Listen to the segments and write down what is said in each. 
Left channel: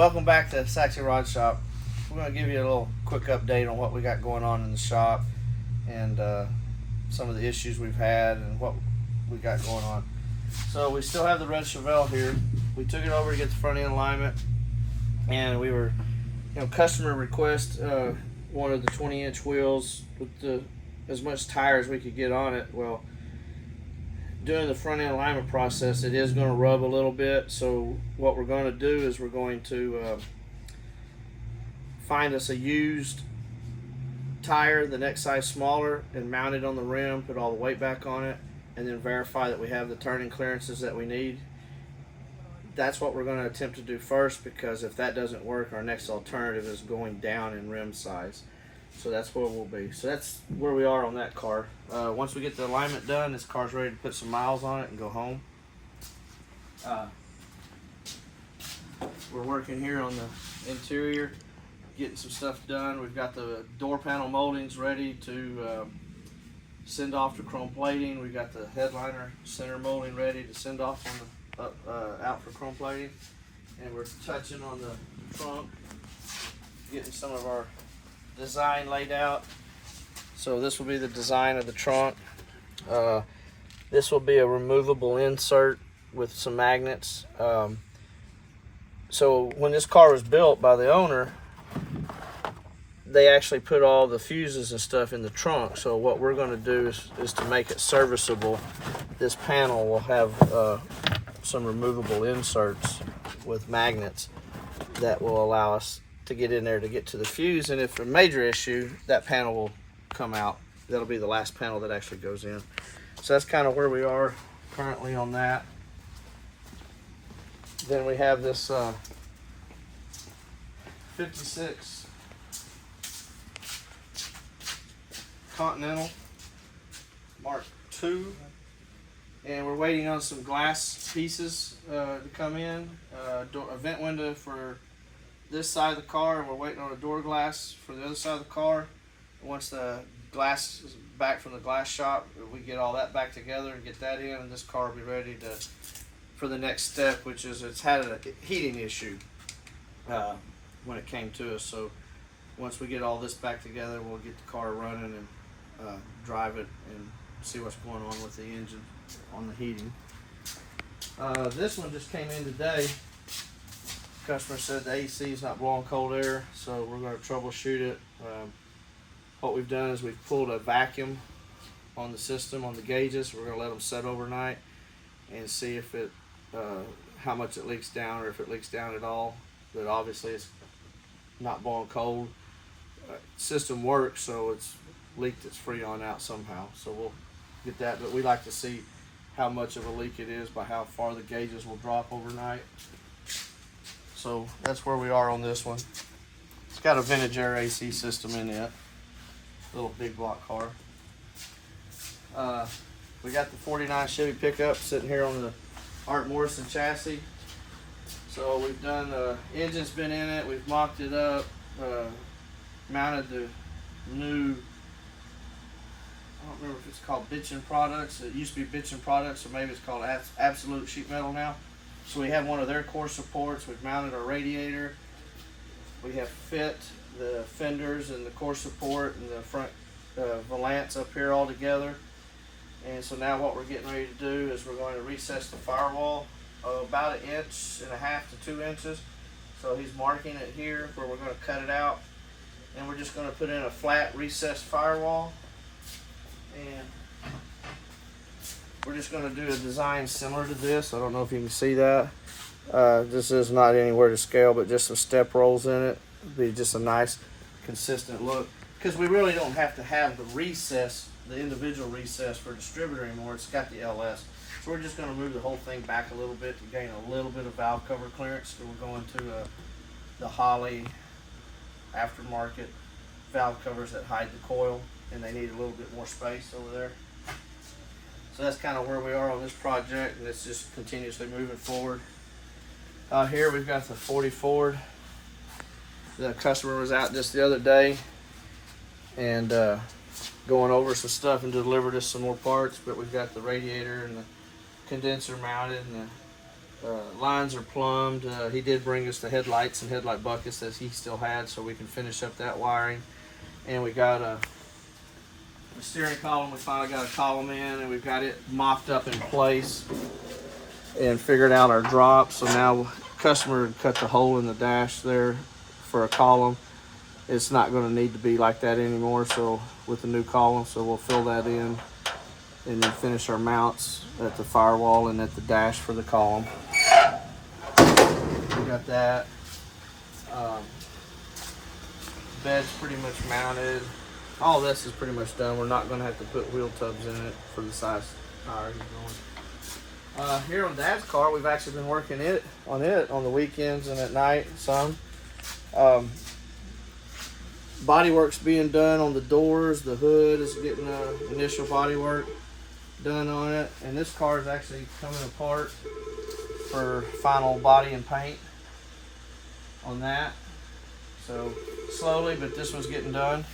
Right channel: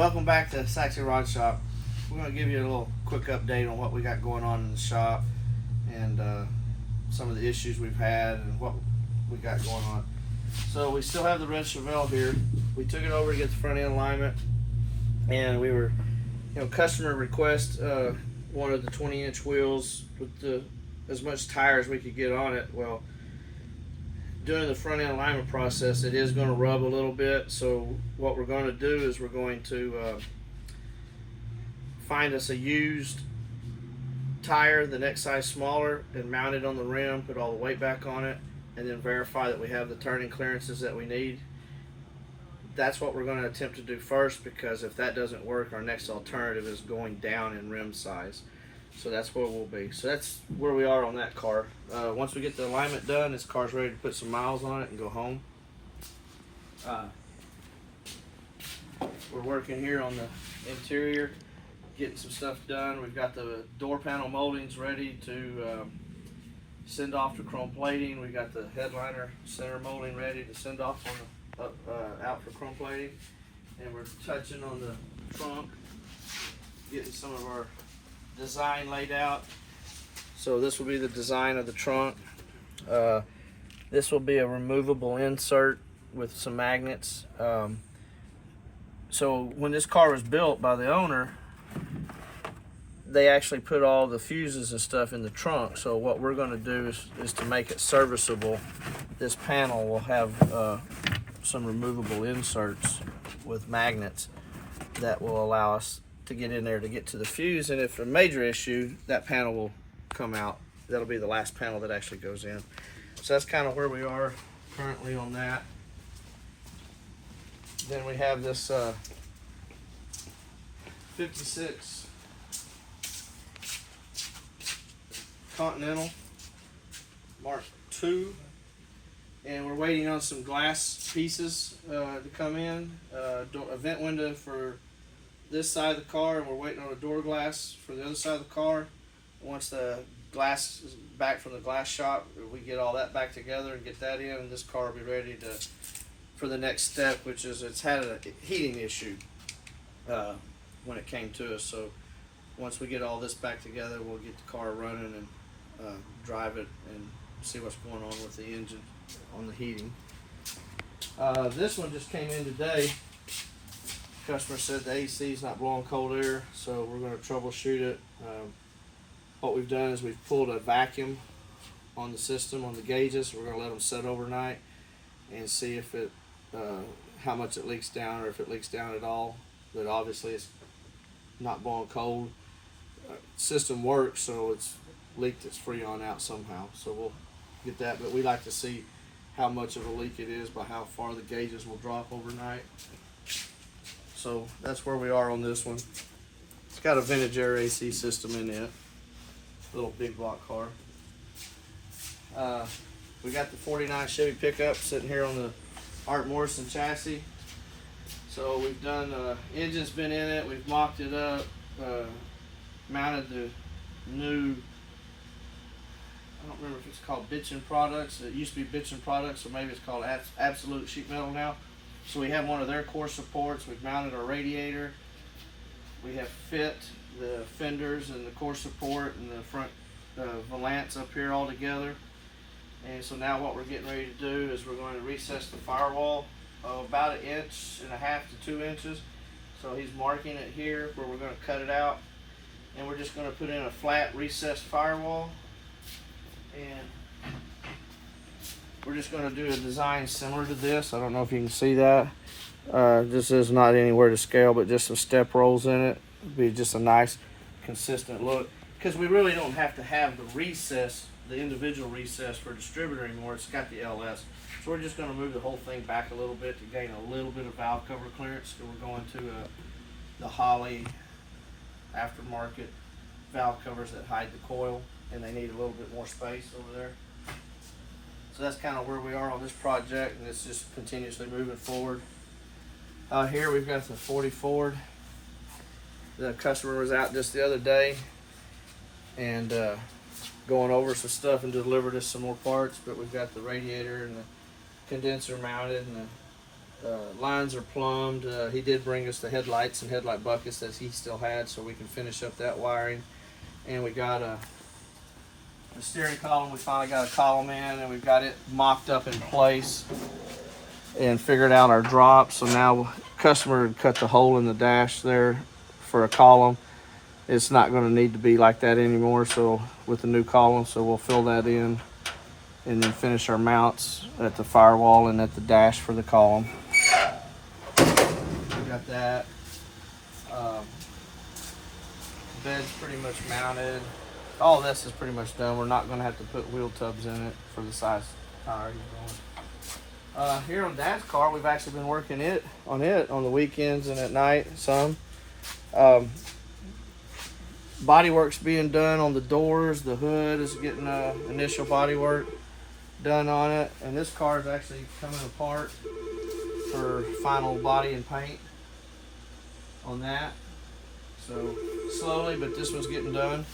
welcome back to Saxy Rod Shop. We're going to give you a little quick update on what we got going on in the shop and some of the issues we've had and what we got going on. So we still have the red Chevelle here. We took it over to get the front end alignment, and we were, customer request wanted the 20-inch wheels with as much tire as we could get on it. Well, during the front end alignment process, it is going to rub a little bit. So what we're going to do is we're going to find us a used tire the next size smaller and mount it on the rim, put all the weight back on it, and then verify that we have the turning clearances that we need. That's what we're going to attempt to do first, because if that doesn't work, our next alternative is going down in rim size. So that's where we'll be. So that's where we are on that car. Once we get the alignment done, this car's ready to put some miles on it and go home. We're working here on the interior, getting some stuff done. We've got the door panel moldings ready to send off to chrome plating. We've got the headliner center molding ready to send off on the out for chrome plating. And we're touching on the trunk, getting some of our design laid out. So this will be the design of the trunk. This will be a removable insert with some magnets. So when this car was built by the owner, they actually put all the fuses and stuff in the trunk. So what we're going to do is to make it serviceable, this panel will have some removable inserts with magnets that will allow us to get in there to get to the fuse. And if a major issue, that panel will come out. That'll be the last panel that actually goes in. So that's kind of where we are currently on that. Then we have this 56 Continental Mark II, and we're waiting on some glass pieces to come in. A vent window for this side of the car, and we're waiting on a door glass for the other side of the car. Once the glass is back from the glass shop, we get all that back together and get that in, and this car will be ready for the next step, which is it's had a heating issue when it came to us. So once we get all this back together, we'll get the car running and drive it and see what's going on with the engine on the heating. This one just came in today. Customer said the AC is not blowing cold air, so we're going to troubleshoot it. What we've done is we've pulled a vacuum on the system, on the gauges. We're going to let them set overnight and see if it how much it leaks down, or if it leaks down at all. But obviously it's not blowing cold. System works, so it's leaked its freon out somehow. So we'll get that, but we like to see how much of a leak it is by how far the gauges will drop overnight. So that's where we are on this one. It's got a vintage air AC system in it. Little big block car. We got the 49 Chevy pickup sitting here on the Art Morrison chassis. So we've done, engine's been in it, we've mocked it up, mounted the new, I don't remember if it's called Bitchin' Products. It used to be Bitchin' Products, or maybe it's called Absolute Sheet Metal now. So we have one of their core supports. We've mounted our radiator. We have fit the fenders and the core support and the front valance up here all together. And so now what we're getting ready to do is we're going to recess the firewall about 1.5 inches to 2 inches. So he's marking it here where we're going to cut it out. And we're just going to put in a flat recessed firewall. And we're just going to do a design similar to this. I don't know if you can see that. This is not anywhere to scale, but just some step rolls in it. It'd be just a nice, consistent look. Because we really don't have to have the recess, the individual recess for distributor anymore. It's got the LS. So we're just going to move the whole thing back a little bit to gain a little bit of valve cover clearance. So we're going to the Holley aftermarket valve covers that hide the coil, and they need a little bit more space over there. So that's kind of where we are on this project, and it's just continuously moving forward. Here we've got the 40 Ford. The customer was out just the other day and going over some stuff and delivered us some more parts, but we've got the radiator and the condenser mounted and lines are plumbed. He did bring us the headlights and headlight buckets that he still had, so we can finish up that wiring. And we got the steering column. We finally got a column in, and we've got it mocked up in place and figured out our drops. So now customer had cut the hole in the dash there for a column. It's not going to need to be like that anymore, so with the new column, so we'll fill that in and then finish our mounts at the firewall and at the dash for the column. We got that. Bed's pretty much mounted. All this is pretty much done. We're not going to have to put wheel tubs in it for the size tire he's going. Here on Dad's car, we've actually been working on the weekends and at night some. Body work's being done on the doors. The hood is getting initial body work done on it, and this car is actually coming apart for final body and paint on that. So slowly, but this one's getting done.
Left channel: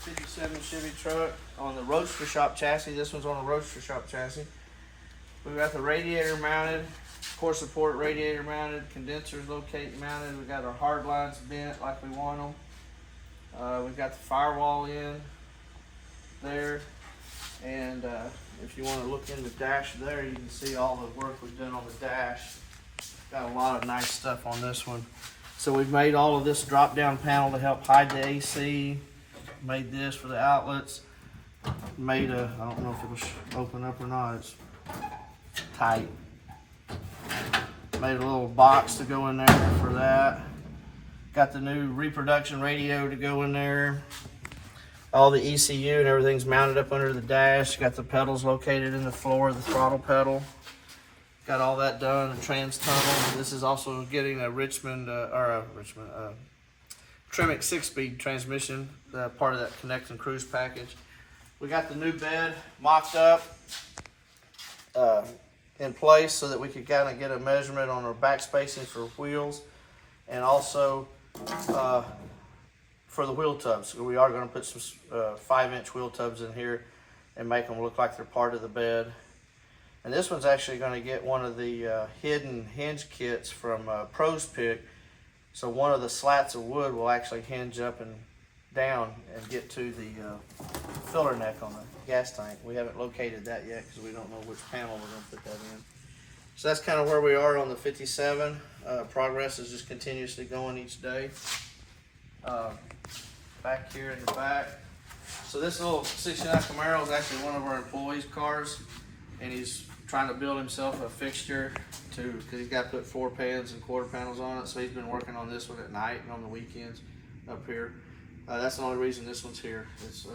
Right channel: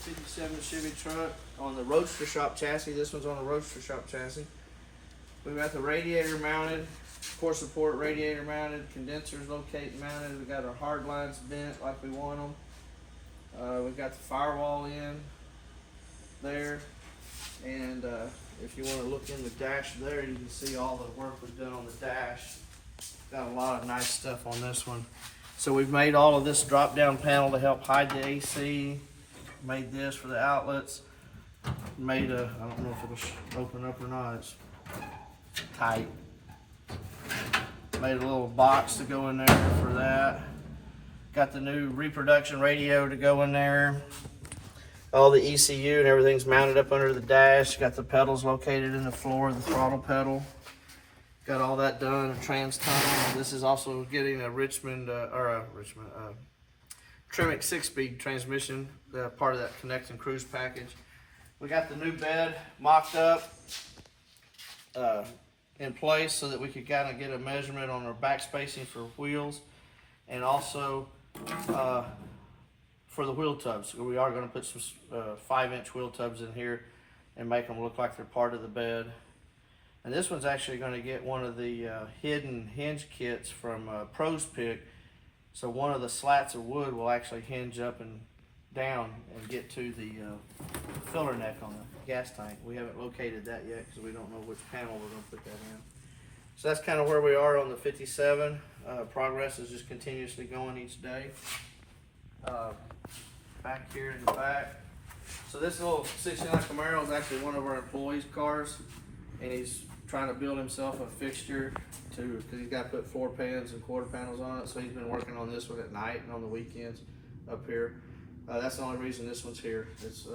57 Chevy truck on the Roadster Shop chassis. This one's on the Roadster Shop chassis. We've got the radiator mounted, core support radiator mounted, condensers locate mounted. We've got our hard lines bent like we want them. We've got the firewall in there, and if you want to look in the dash there, you can see all the work we've done on the dash. Got a lot of nice stuff on this one. So we've made all of this drop down panel to help hide the AC. Made this for the outlets. Made a, I don't know if it'll open up or not, it's tight. Made a little box to go in there for that. Got the new reproduction radio to go in there. All the ECU and everything's mounted up under the dash. Got the pedals located in the floor, the throttle pedal. Got all that done, a trans tunnel. This is also getting a Tremec 6-speed transmission, part of that Connect and Cruise package. We got the new bed mocked up in place so that we could kind of get a measurement on our back spacing for wheels, and also for the wheel tubs. We are going to put some 5-inch wheel tubs in here and make them look like they're part of the bed. And this one's actually going to get one of the hidden hinge kits from Pro's Pick. So one of the slats of wood will actually hinge up and down and get to the filler neck on the gas tank. We haven't located that yet because we don't know which panel we're going to put that in. So that's kind of where we are on the 57. Progress is just continuously going each day. Back here in the back. So this little 69 Camaro is actually one of our employees' cars, and he's trying to build himself a fixture because he's got to put 4 pans and quarter panels on it. So he's been working on this one at night and on the weekends up here. That's the only reason this one's here. It's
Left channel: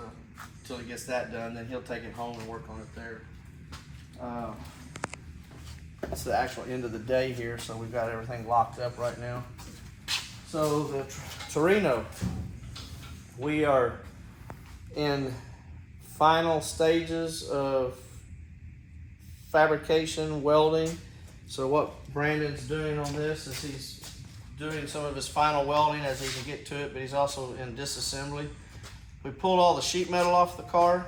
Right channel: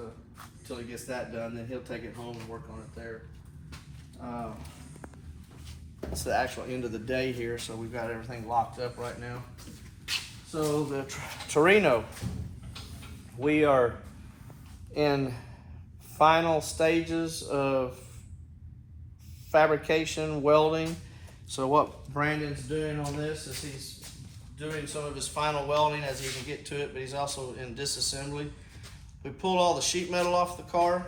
until he gets that done, then he'll take it home and work on it there. It's the actual end of the day here, so we've got everything locked up right now. So the Torino, we are in final stages of fabrication, welding. So what Brandon's doing on this is he's doing some of his final welding as he can get to it, but he's also in disassembly. We pulled all the sheet metal off the car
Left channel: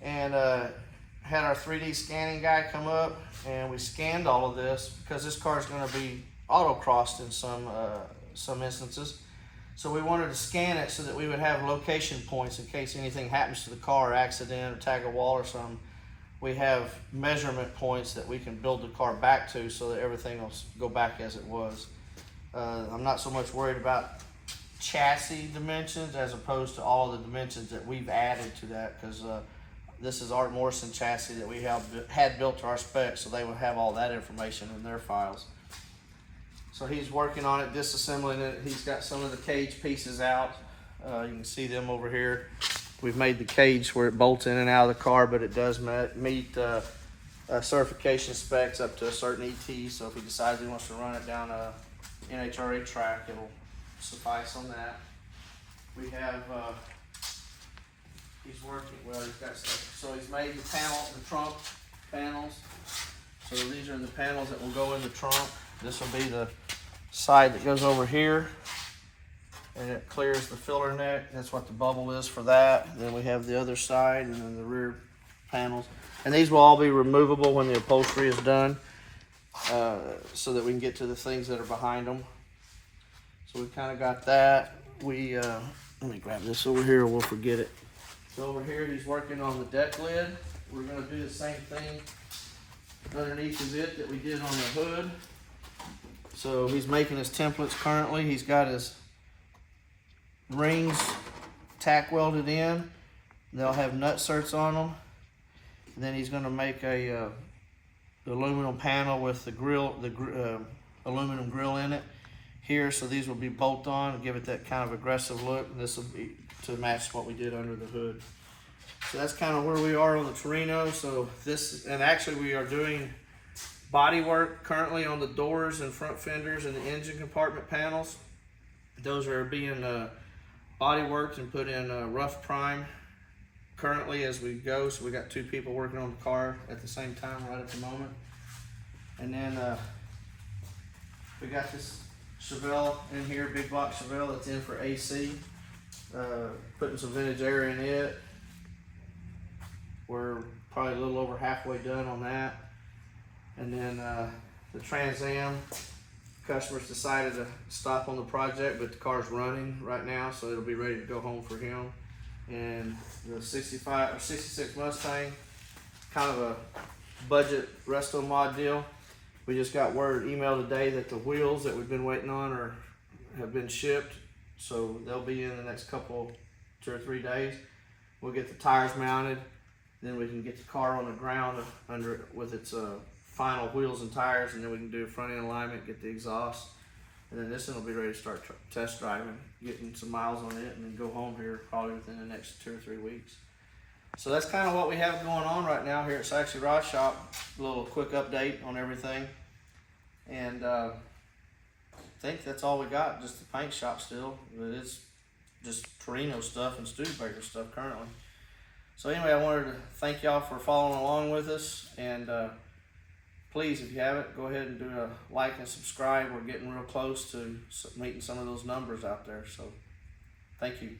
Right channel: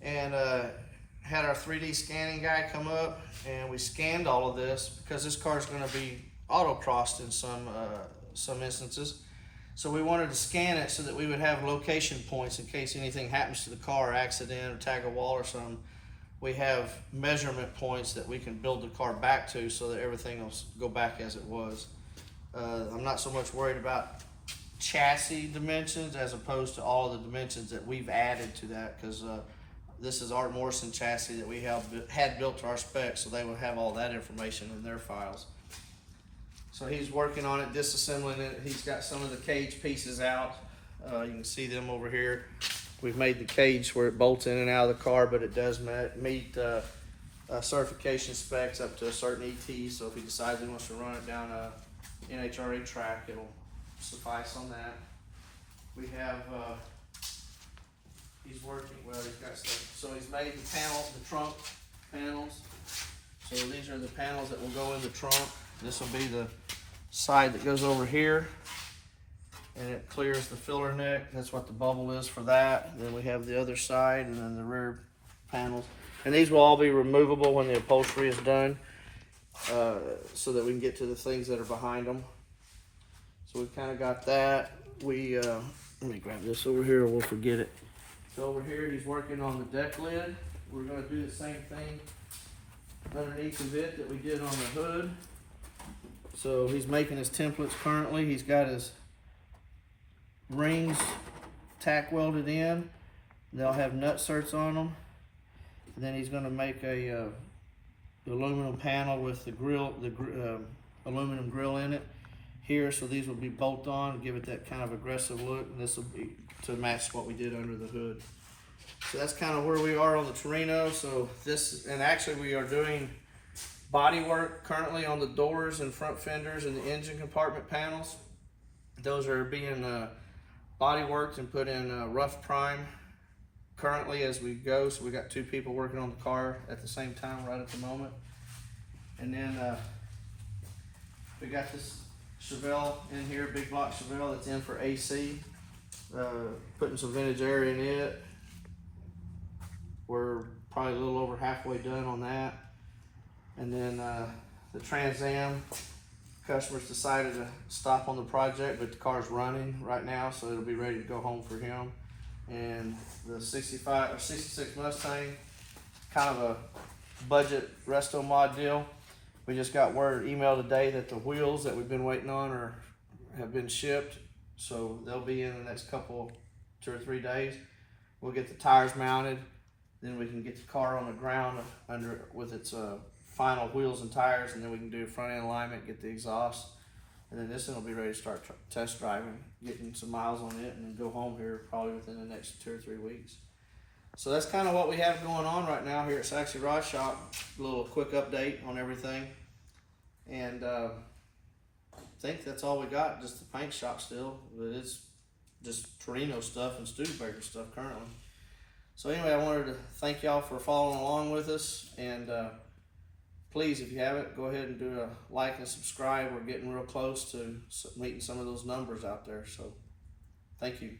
and had our 3D scanning guy come up, and we scanned all of this because this car is going to be autocrossed in some instances. So we wanted to scan it so that we would have location points in case anything happens to the car, accident or tag a wall or something. We have measurement points that we can build the car back to so that everything will go back as it was. I'm not so much worried about chassis dimensions as opposed to all of the dimensions that we've added to that, because this is Art Morrison chassis that we had built to our specs, so they will have all that information in their files. So he's working on it, disassembling it. He's got some of the cage pieces out. You can see them over here. We've made the cage where it bolts in and out of the car, but it does meet certification specs up to a certain ET. So if he decides he wants to run it down a NHRA track, it'll suffice on that. We have, he's working, well, he's got stuff. So he's made the trunk panels. So these are the panels that will go in the trunk. This will be the side that goes over here, and it clears the filler neck. That's what the bubble is for that. Then we have the other side, and then the rear panels. And these will all be removable when the upholstery is done. so that we can get to the things that are behind them. So we kind of got that. We let me grab this over here or we'll forget it. So over here he's working on the deck lid. We're going to do the same thing underneath of it that we did on the hood. So he's making his templates currently. He's got his rings tack welded in. They'll have nut certs on them. And then he's going to make a aluminum panel with the grill, aluminum grill in it here. So these will be bolt on and give it that kind of aggressive look. And this will be to match what we did under the hood. So that's kind of where we are on the Torino. So this, and actually we are doing body work currently on the doors and front fenders and the engine compartment panels. Those are being body worked and put in rough prime currently as we go. So we got 2 people working on the car at the same time right at the moment. And then we got this Chevelle in here, big block Chevelle that's in for AC. Putting some vintage air in it. We're probably a little over halfway done on that. And then the Trans Am, customers decided to stop on the project, but the car's running right now, so it'll be ready to go home for him. And the 65 or 66 Mustang, kind of a budget Restomod deal. We just got word email today that the wheels that we've been waiting on have been shipped, so they'll be in the next 2 or 3 days. We'll get the tires mounted, then we can get the car on the ground under with its final wheels and tires, and then we can do front end alignment, get the exhaust, and then this one will be ready to start test driving, getting some miles on it, and then go home here probably within the next 2 or 3 weeks. So that's kind of what we have going on right now here at Saxy Rod Shop. A little quick update on everything, and I think that's all we got. Just the paint shop still, but it's just Torino stuff and Studebaker stuff currently. So anyway, I wanted to thank y'all for following along with us, and please, if you haven't, go ahead and do a like and subscribe. We're getting real close to meeting some of those numbers out there, so thank you.